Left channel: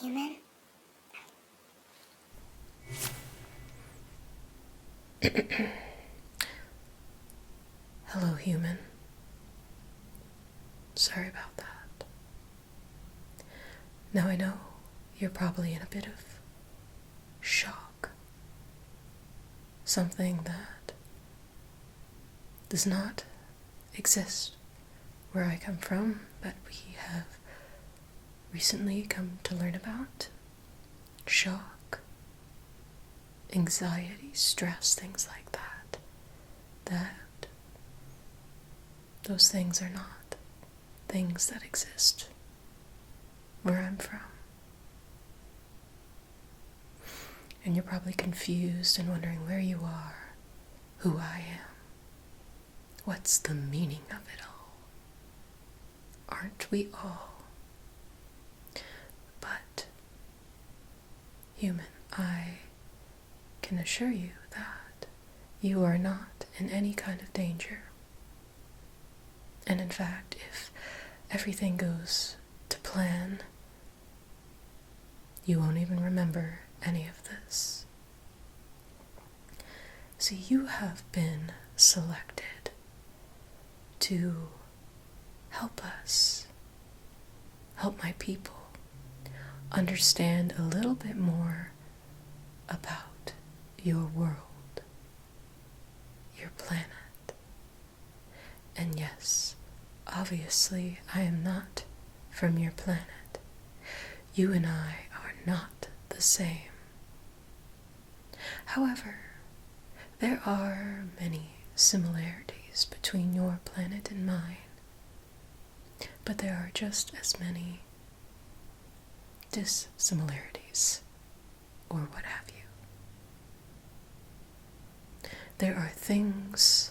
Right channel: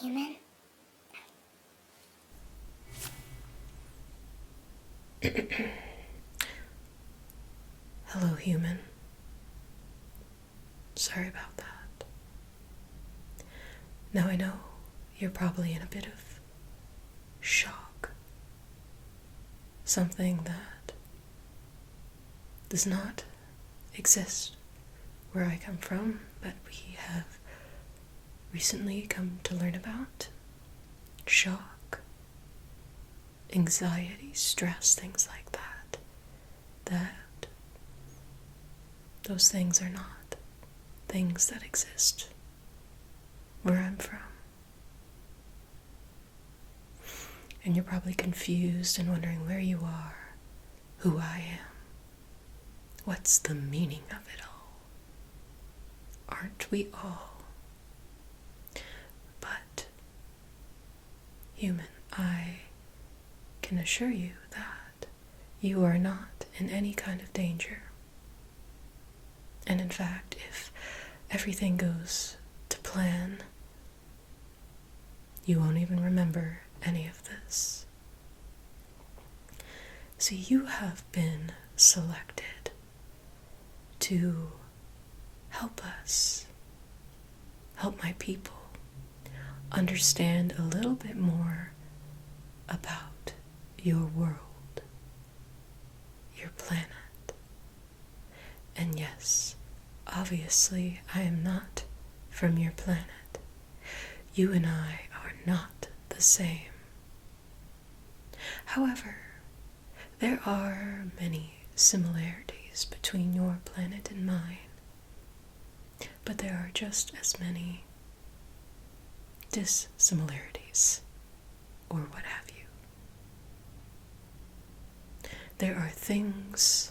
Human? Hello, human. Sorry about that. Now I know you're probably in a bit of shock. Something that does not exist where I come from, but we have recently come to learn about. Shock, anxiety, stress, things like that. That those things are not things that exist where I'm from. And you're probably confused and wondering where you are, who I am. What's the meaning of it all? Aren't we all? But, human, I can assure you that you are not in any kind of danger. And in fact, if everything goes to plan, you won't even remember any of this. So you have been selected to help us, help my people, understand a little bit more about your world, your planet. And yes, obviously I am not from your planet. You and I are not the same. However, there are many similarities between your planet and mine, but there are just as many dissimilarities, or what have you. There are things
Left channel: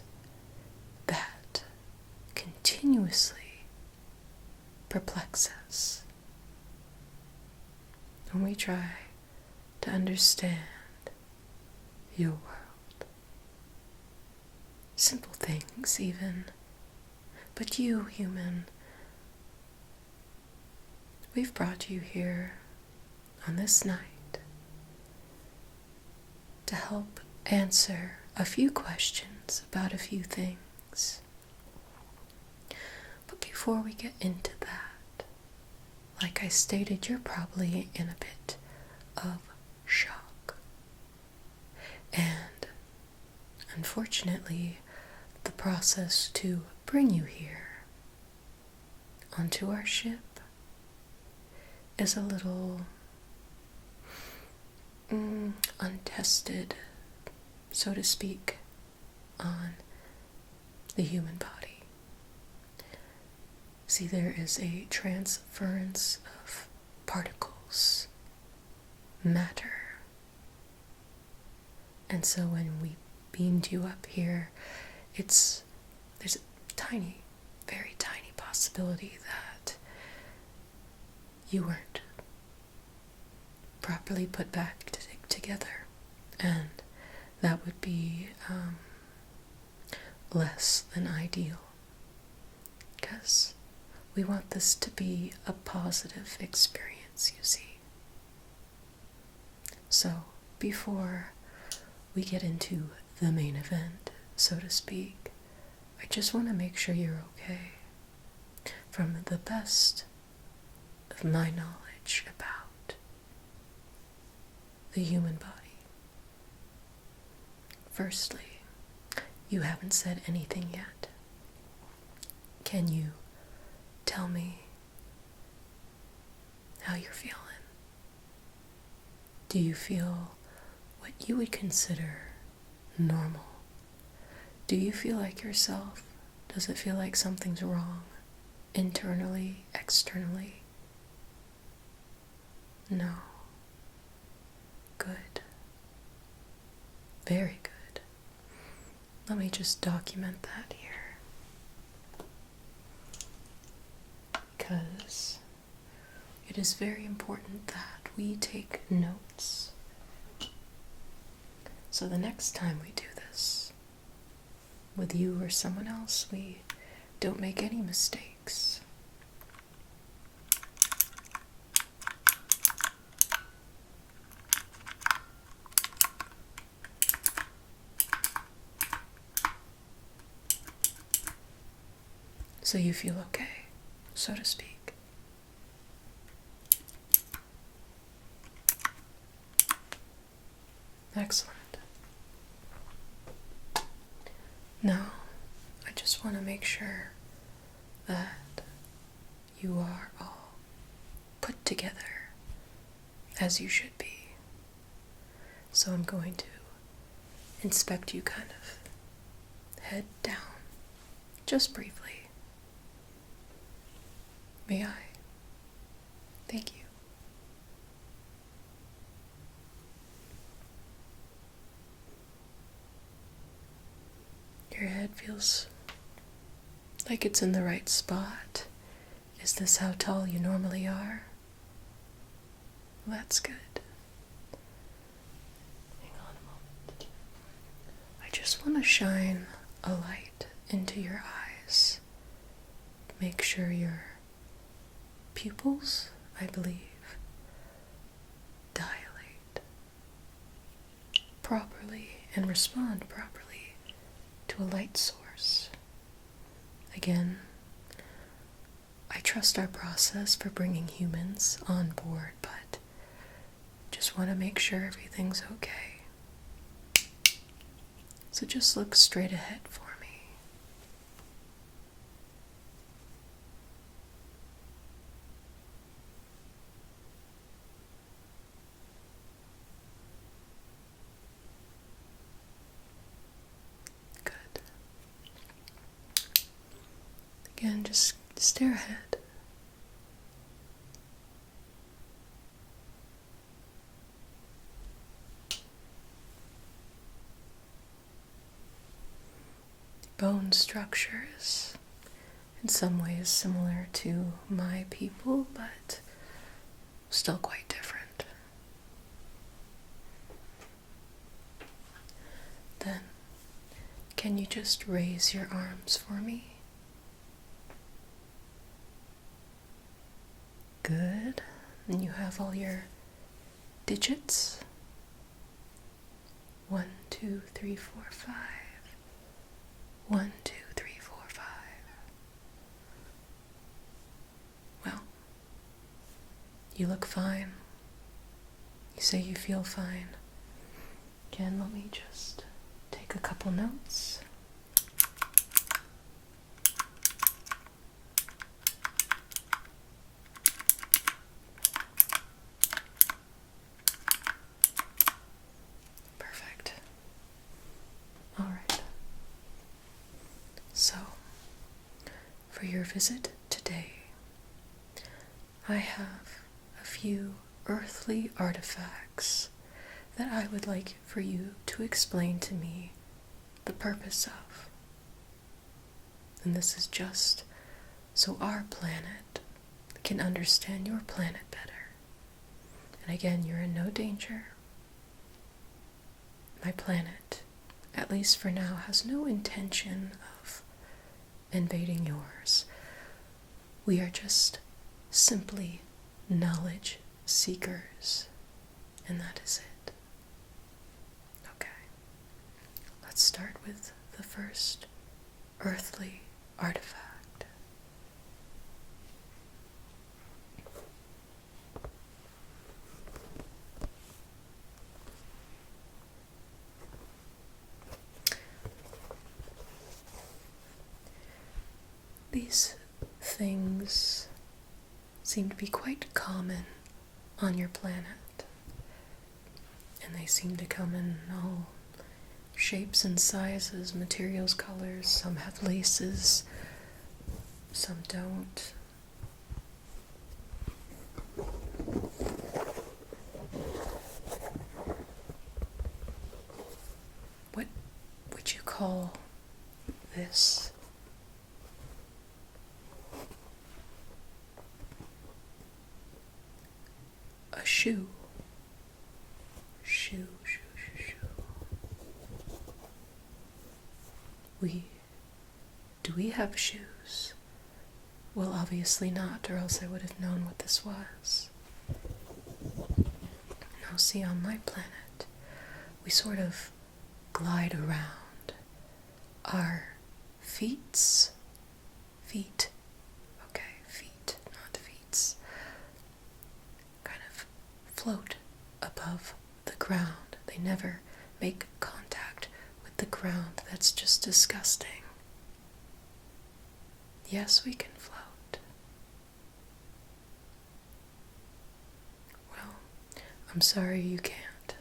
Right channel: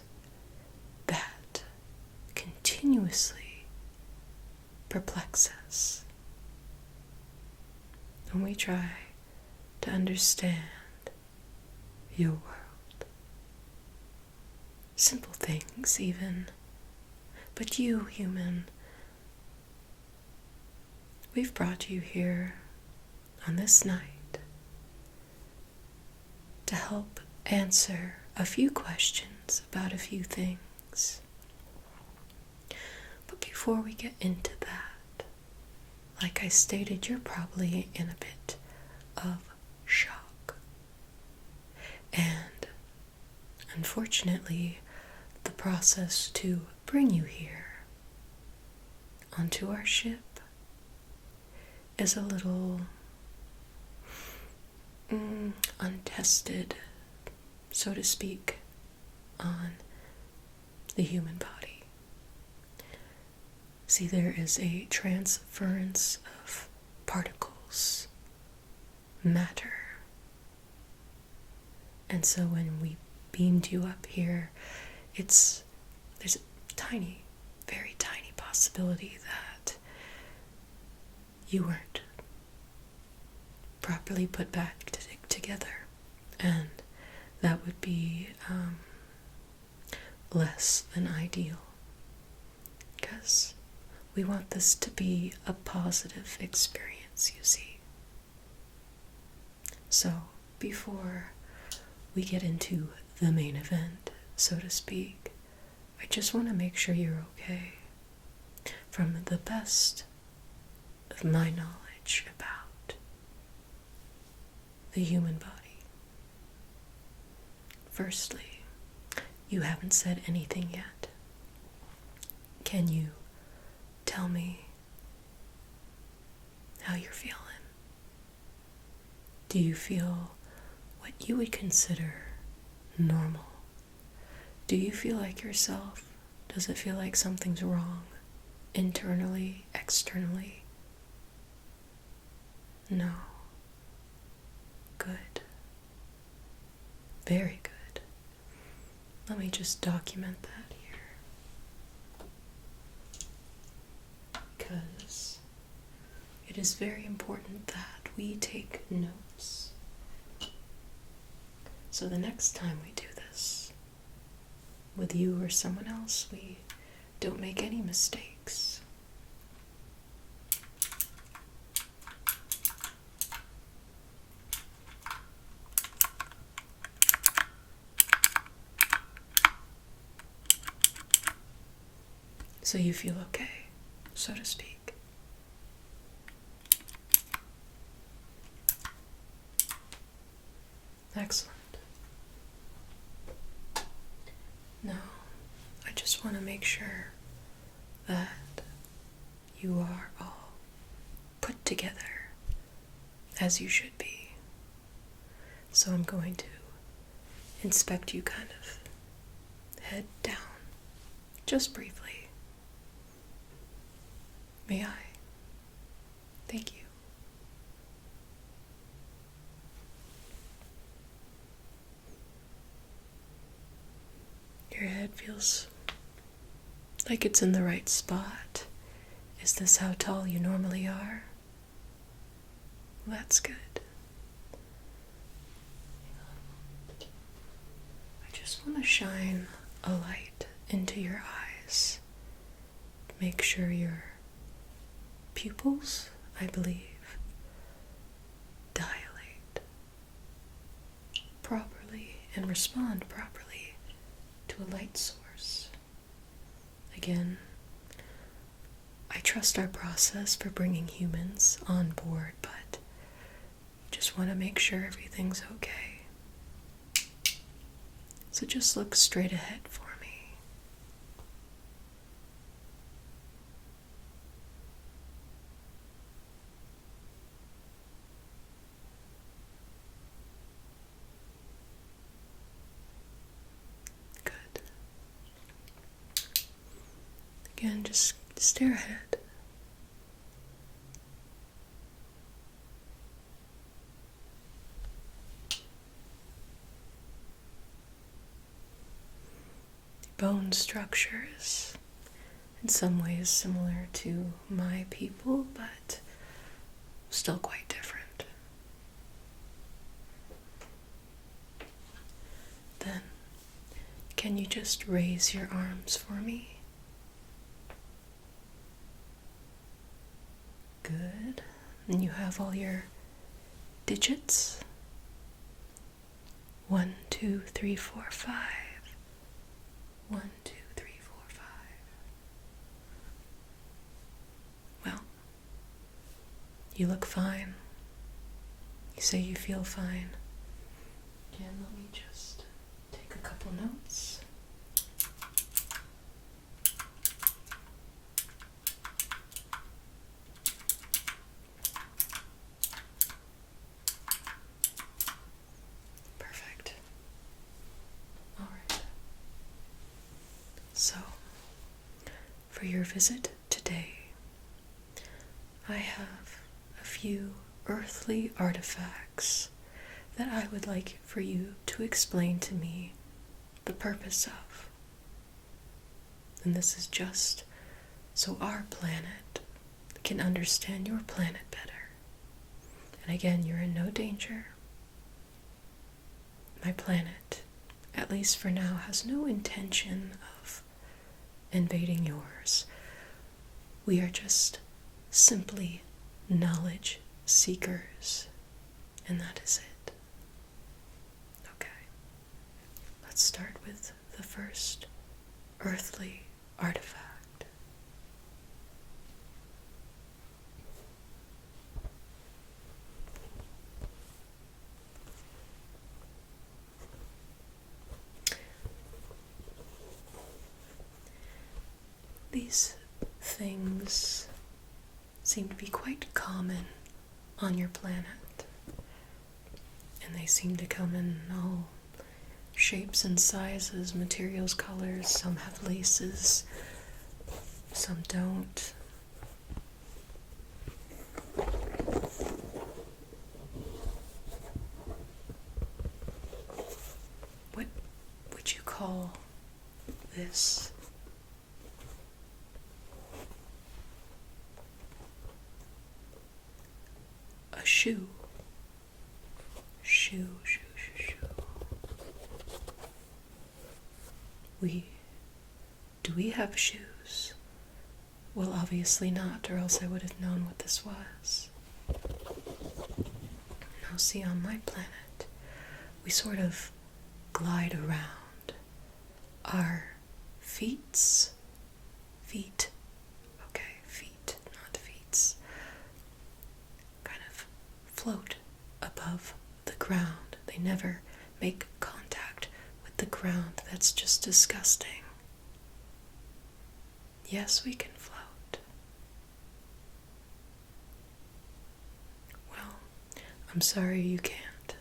that continuously perplex us when we try to understand your world. Simple things even. But you, human, we've brought you here on this night to help answer a few questions about a few things. But before we get into that, like I stated, you're probably in a bit of shock. And unfortunately, the process to bring you here onto our ship is a little untested, so to speak, on the human body. See, there is a transference of particles, matter. And so when we beamed you up here, there's a tiny, very tiny possibility that you weren't properly put back together. And that would be less than ideal, because we want this to be a positive experience, you see. So, before we get into the main event, so to speak, I just want to make sure you're okay. From the best of my knowledge about the human body. Firstly, you haven't said anything yet. Can you tell me how you're feeling? Do you feel what you would consider normal? Do you feel like yourself? Does it feel like something's wrong? Internally, externally? No. Good. Very good. Let me just document that here, because it is very important that we take notes. So the next time we do this, with you or someone else, we don't make any mistakes. so you feel okay, so to speak. Excellent. Now, I just want to make sure that you are all put together as you should be. So I'm going to inspect you kind of head down, just briefly. May I? Thank you. Your head feels like it's in the right spot. Is this how tall you normally are? Well, that's good. Hang on a moment. I just want to shine a light into your eyes. Make sure your pupils, I believe, dilate properly and respond properly to a light source. Again, I trust our process for bringing humans on board, but just want to make sure everything's okay. So just look straight ahead for me. Good. Again, just stare ahead. Bone structure is in some ways similar to my people, but still quite different. Then, can you just raise your arms for me? Good. And you have all your digits? 1, 2, 3, 4, 5. 1, 2, 3, 4, 5. Well, you look fine. You say you feel fine. Again, let me just take a couple notes. Perfect. All right. So, for your visit today, I have a few earthly artifacts that I would like for you to explain to me the purpose of. And this is just so our planet can understand your planet better. And again, you're in no danger. My planet, at least for now, has no intention of invading yours. We are just simply knowledge seekers, and that is it. Okay, let's start with the first earthly artifact. These things seem to be quite common on your planet, and they seem to come in all shapes and sizes, materials, colors. Some have laces, some don't. What would you call this? A shoe. Shoe. Do we have shoes? Well, obviously not, or else I would have known what this was. Now see, on my planet, we sort of glide around. Our feet float above the ground. They never make contact with the ground. That's just disgusting. Yes, we can float. Well, I'm sorry you can't.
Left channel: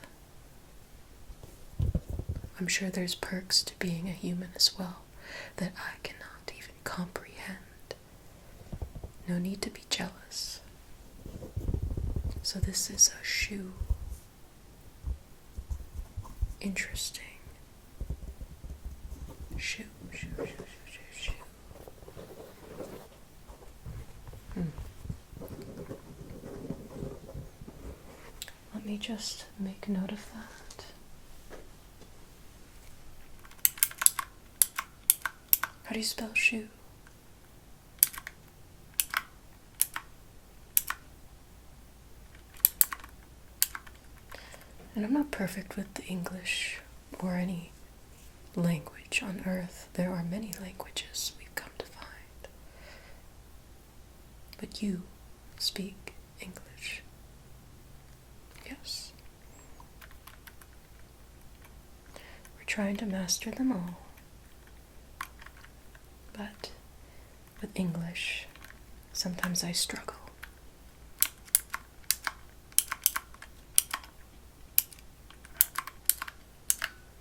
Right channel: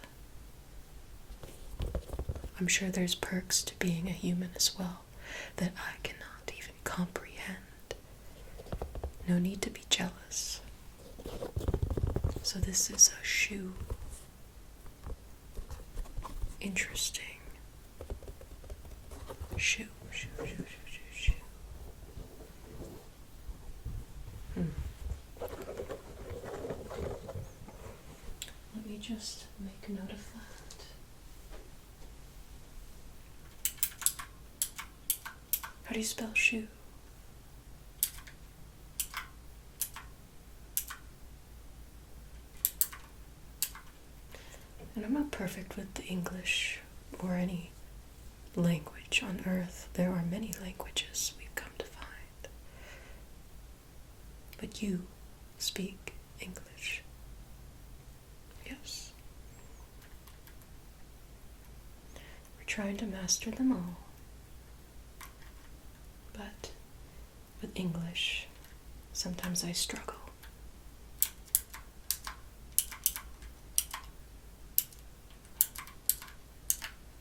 I'm sure there's perks to being a human as well that I cannot even comprehend. No need to be jealous. So this is a shoe. Interesting. Shoe. Let me just make note of that. How do you spell shoe? And I'm not perfect with the English or any language on earth. There are many languages we've come to find. But you speak English. Yes. We're trying to master them all. But with English, sometimes I struggle.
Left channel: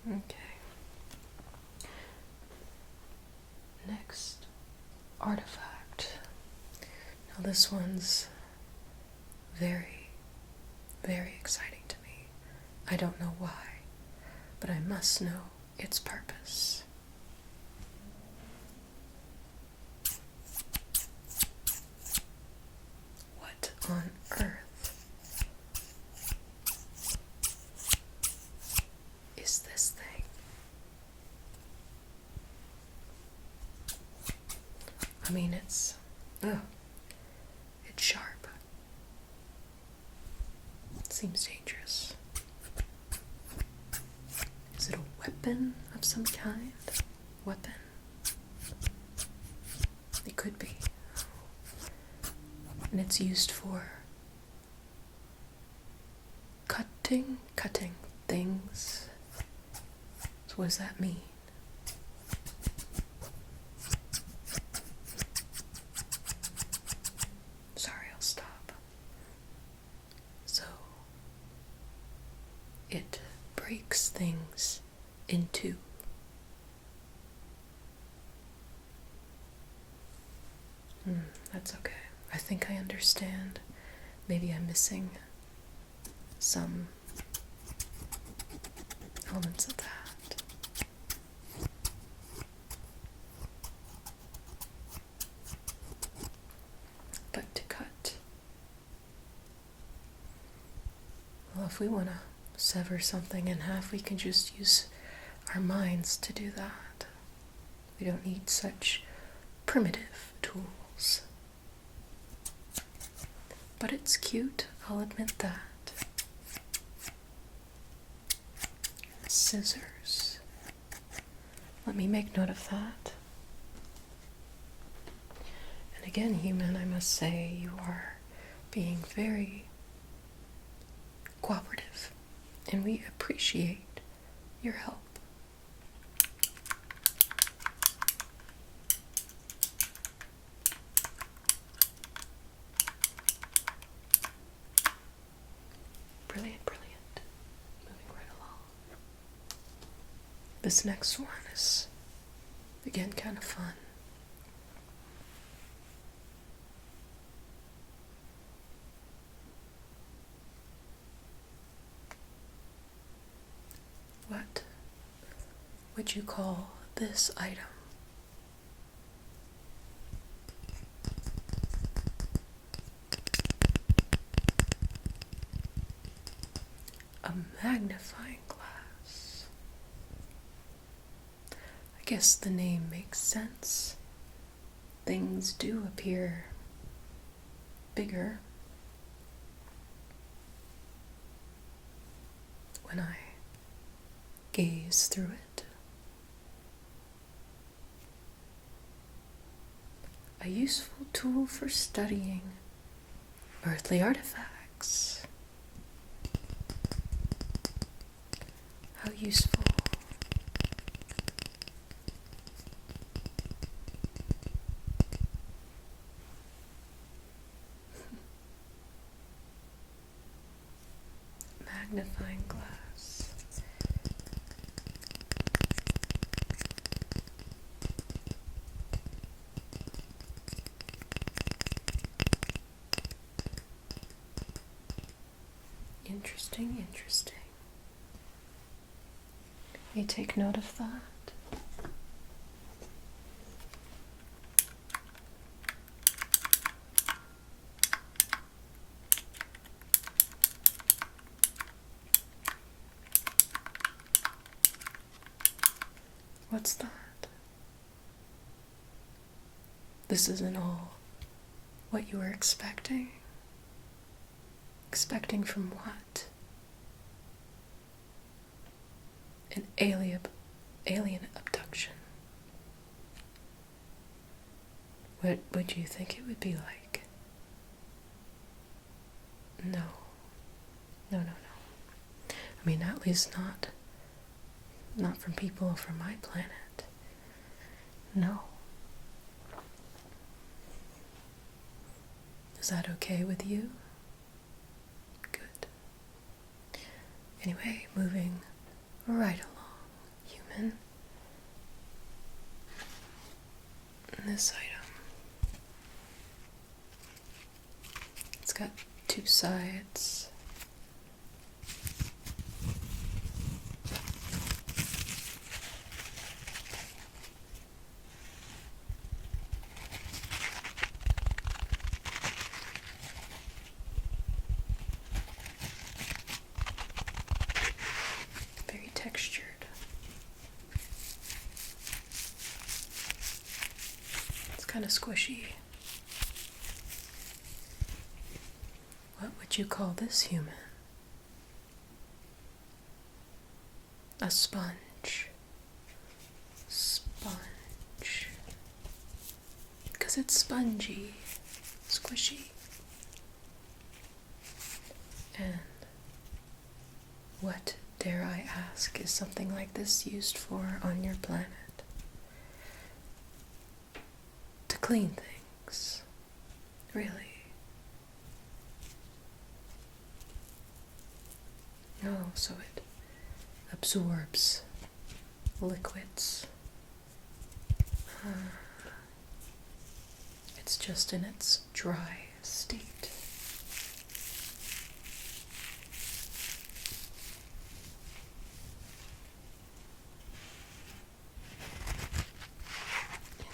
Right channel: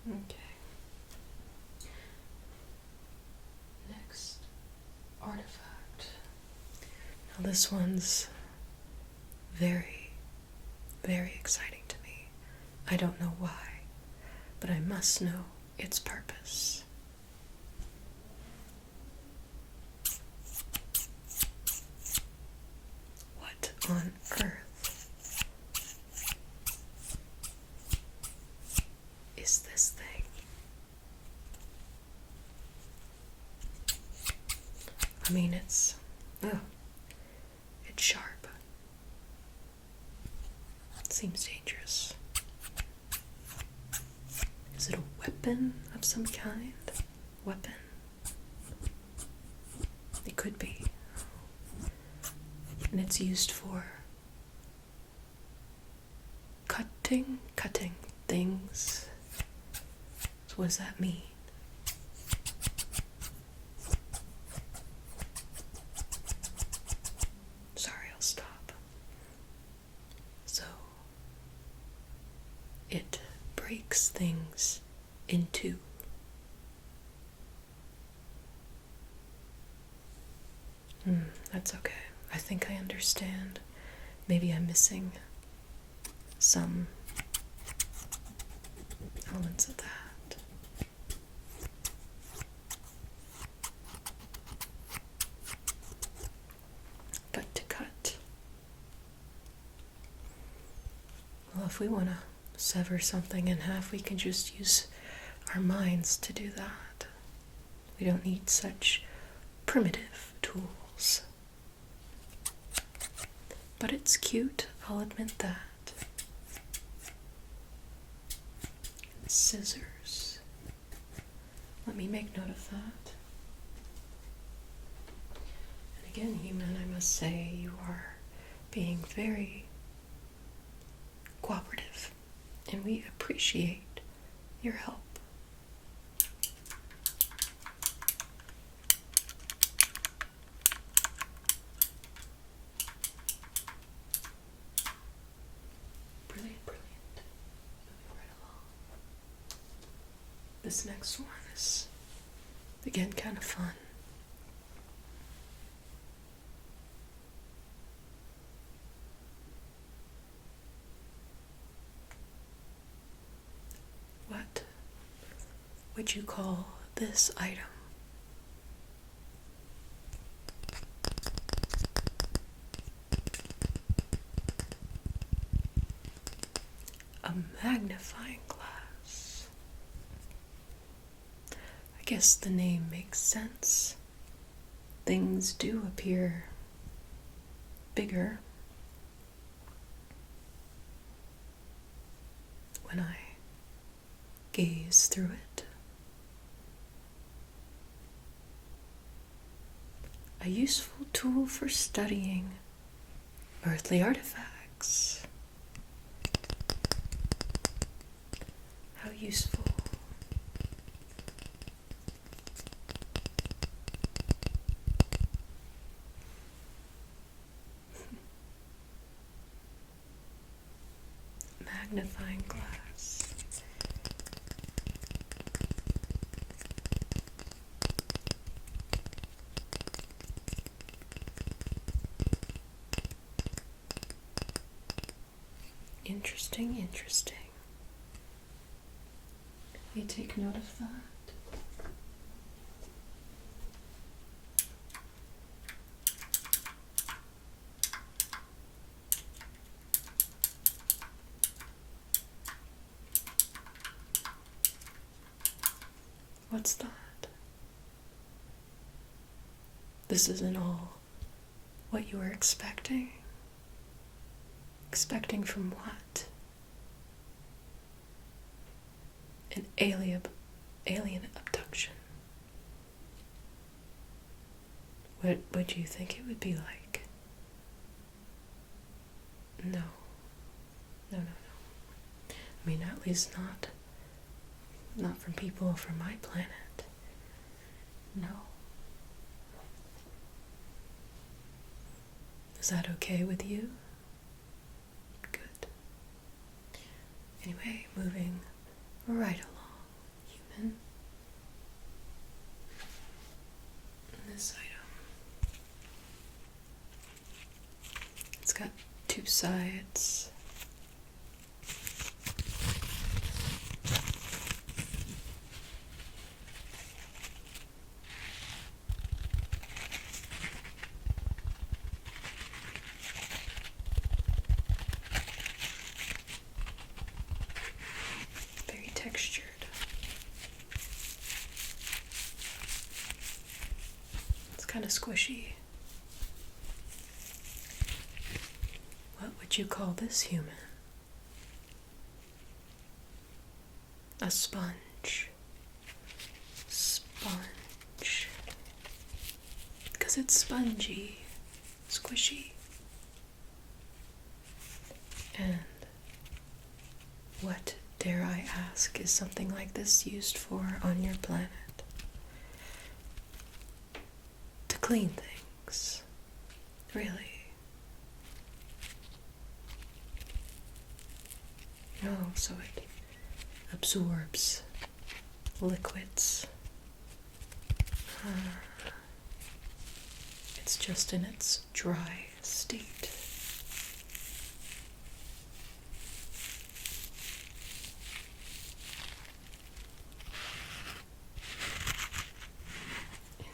Okay. Next artifact. Now this one's very, very exciting to me. I don't know why, but I must know its purpose. What on earth is this thing? I mean, it's sharp. It seems dangerous. Is it a weapon of some kind? Weapon? It could be. And it's used for cutting things. So what does that mean? Sorry, I'll stop. So it breaks things in two. That's okay. I think I understand. Maybe I'm missing some elements of that. But to cut, well, if we want to sever something in half, we can just use our minds to do that. We don't need such primitive tools. But it's cute, I'll admit that. Scissors. Let me make note of that. And again, human, I must say, you are being very cooperative, and we appreciate your help. This next one is, again, kind of fun. What would you call this item? A magnifying glass. I guess the name makes sense. Things do appear bigger when I gaze through it. A useful tool for studying earthly artifacts. How useful. Magnifying glass. Interesting, interesting. Let me take note of that. What's that? This isn't all what you were expecting? Expecting from what? An alien abduction. What would you think it would be like? No. No. I mean, at least not from people from my planet. No. Is that okay with you? Good. Anyway, moving right along, human. This item. It's got two sides. Very textured. It's kind of squishy. What would you call this, human? A sponge. Sponge. Because it's spongy, squishy. And what, dare I ask, is something like this used for on your planet? To clean things. Really? No, so it absorbs liquids. It's just in its dry state.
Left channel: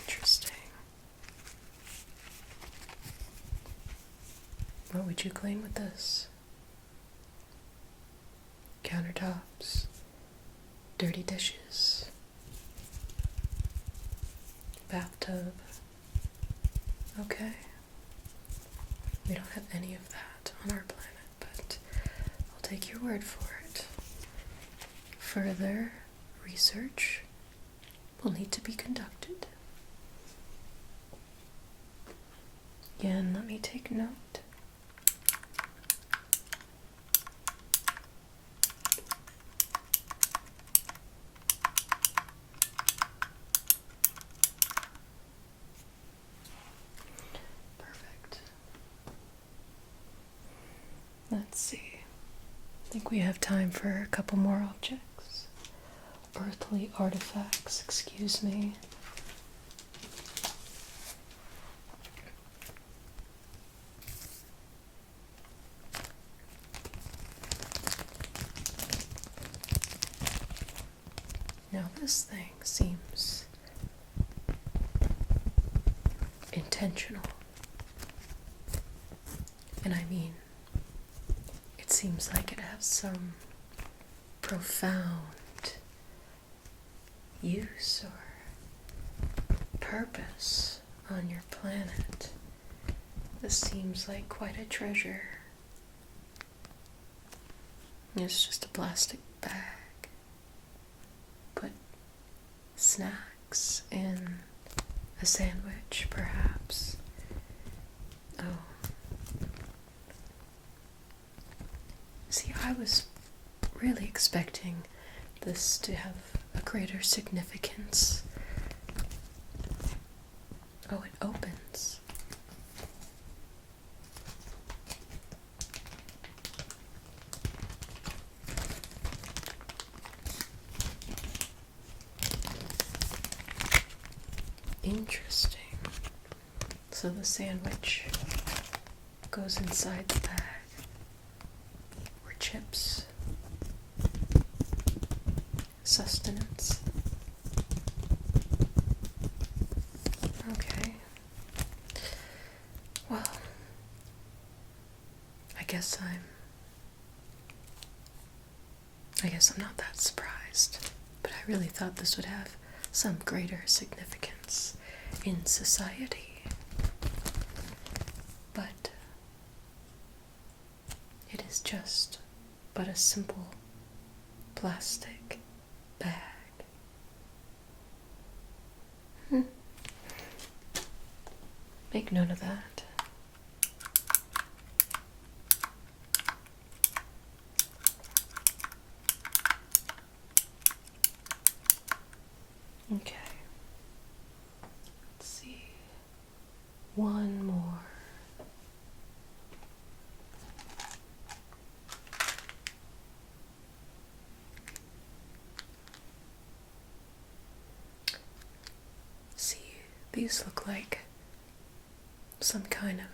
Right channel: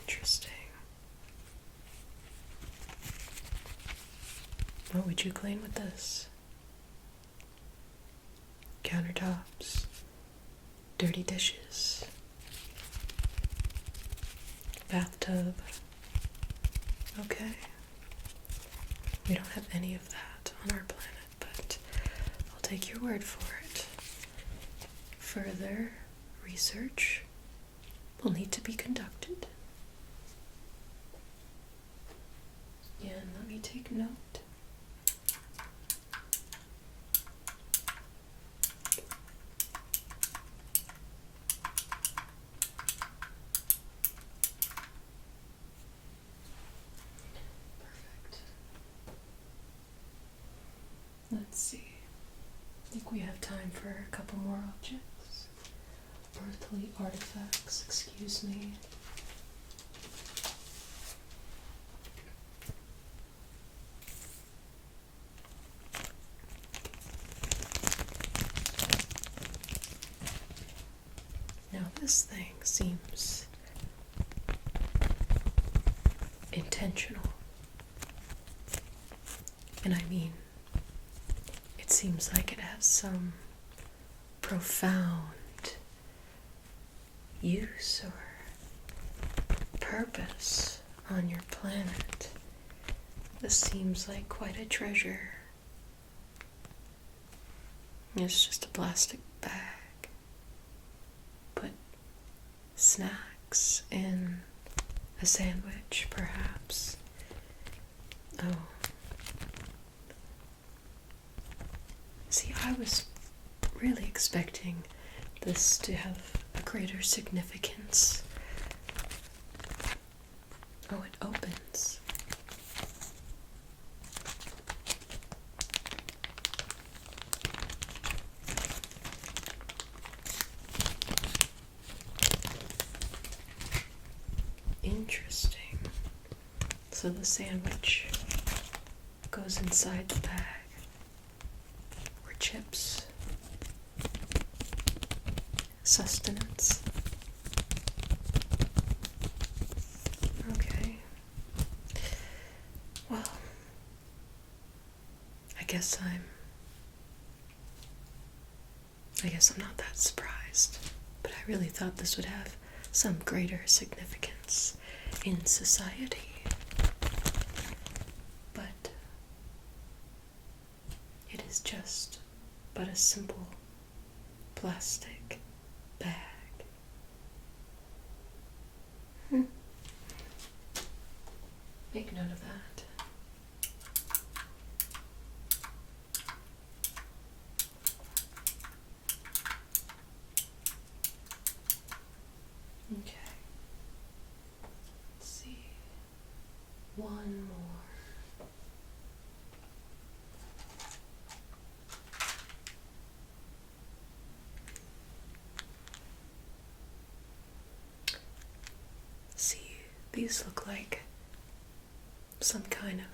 Interesting. What would you clean with this? Countertops, dirty dishes, bathtub. Okay. We don't have any of that on our planet, but I'll take your word for it. Further research will need to be conducted. Again, let me take note. Let's see. I think we have time for a couple more objects. Earthly artifacts, excuse me. Now this thing seems intentional. And I mean, it seems like it has some profound use or purpose on your planet. This seems like quite a treasure. It's just a plastic bag. Put snacks in a sandwich, perhaps. Oh. See, I was really expecting this to have a greater significance. Oh, it opens. Interesting. So the sandwich goes inside the bag, or chips, sustenance. Okay. Well, I guess I'm not that surprised, but I really thought this would have some greater significance in society. But it is just but a simple plastic bag. Make note of that. Okay. Let's see. One more. See, these look like some kind of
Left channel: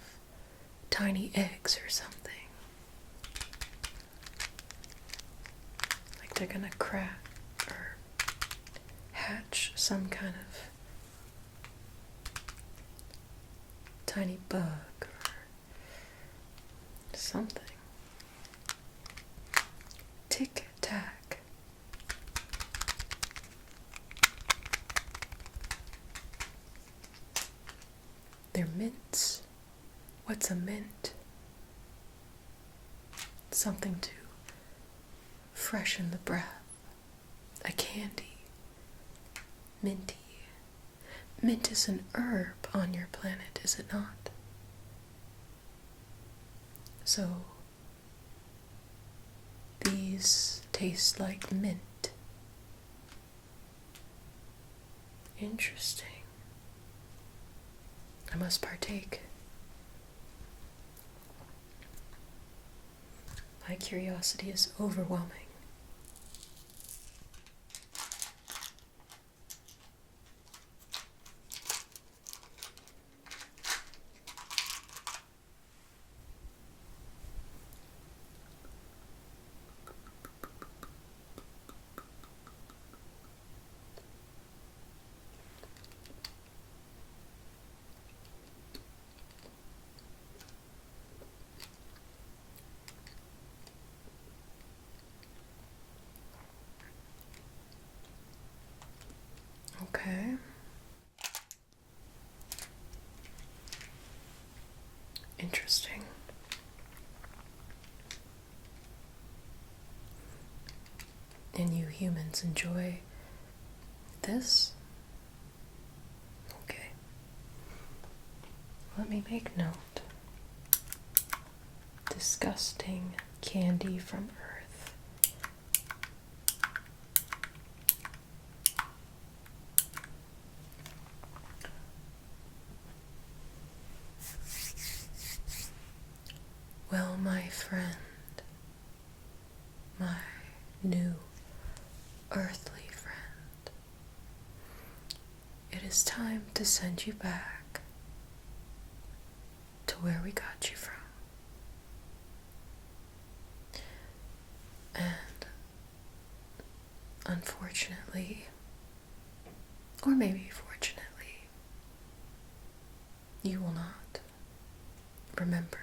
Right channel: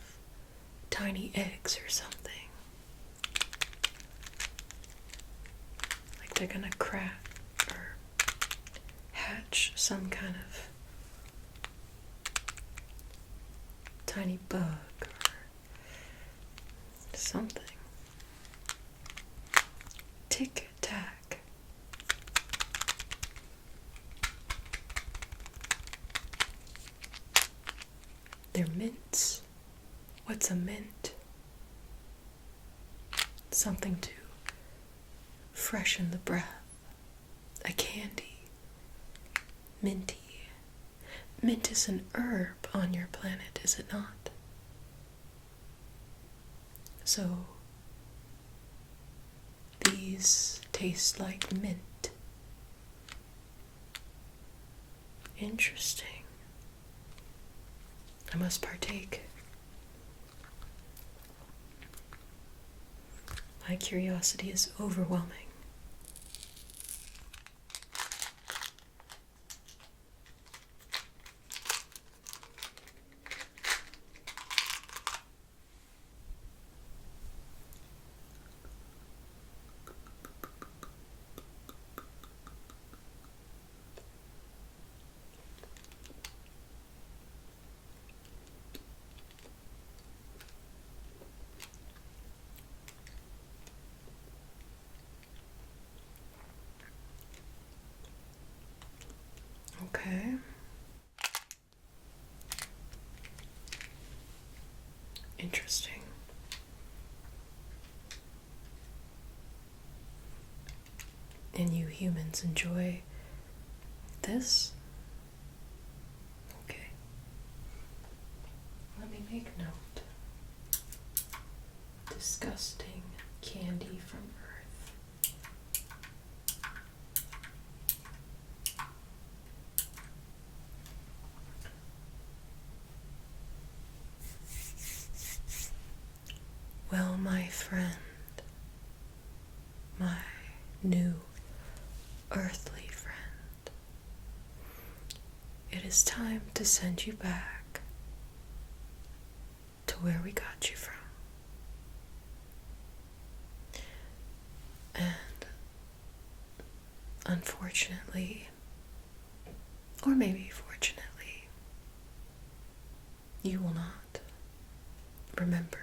tiny eggs or something. Like they're gonna crack or hatch some kind of tiny bug or something. Tic-tac. They're mints. What's a mint? Something to freshen the breath. A candy. Minty. Mint is an herb on your planet, is it not? So, these taste like mint. Interesting. I must partake. My curiosity is overwhelming. Okay. Interesting. And you humans enjoy this? Okay. Let me make note. Disgusting candy from Earth. Well, my friend, my new earthly friend, it is time to send you back to where we got you from. And unfortunately, or maybe fortunately, you will not remember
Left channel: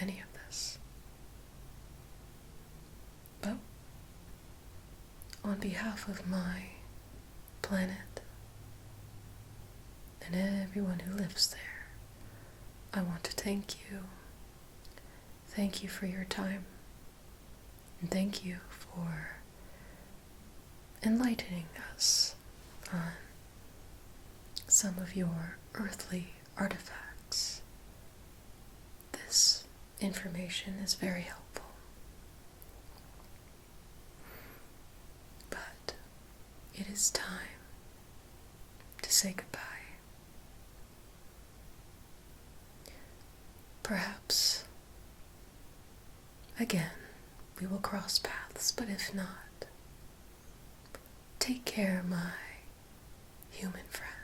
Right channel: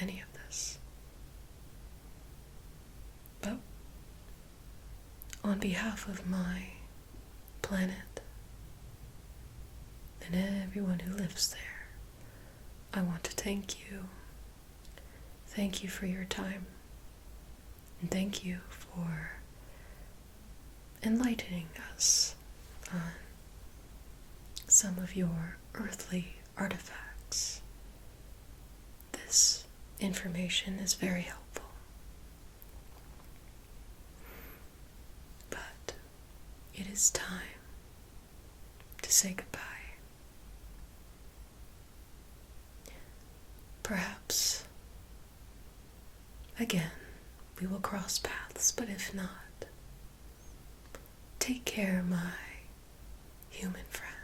any of this. But on behalf of my planet and everyone who lives there, I want to thank you. Thank you for your time. And thank you for enlightening us on some of your earthly artifacts. This information is very helpful. it is time to say goodbye. Perhaps, again, we will cross paths, but if not, take care, my human friend.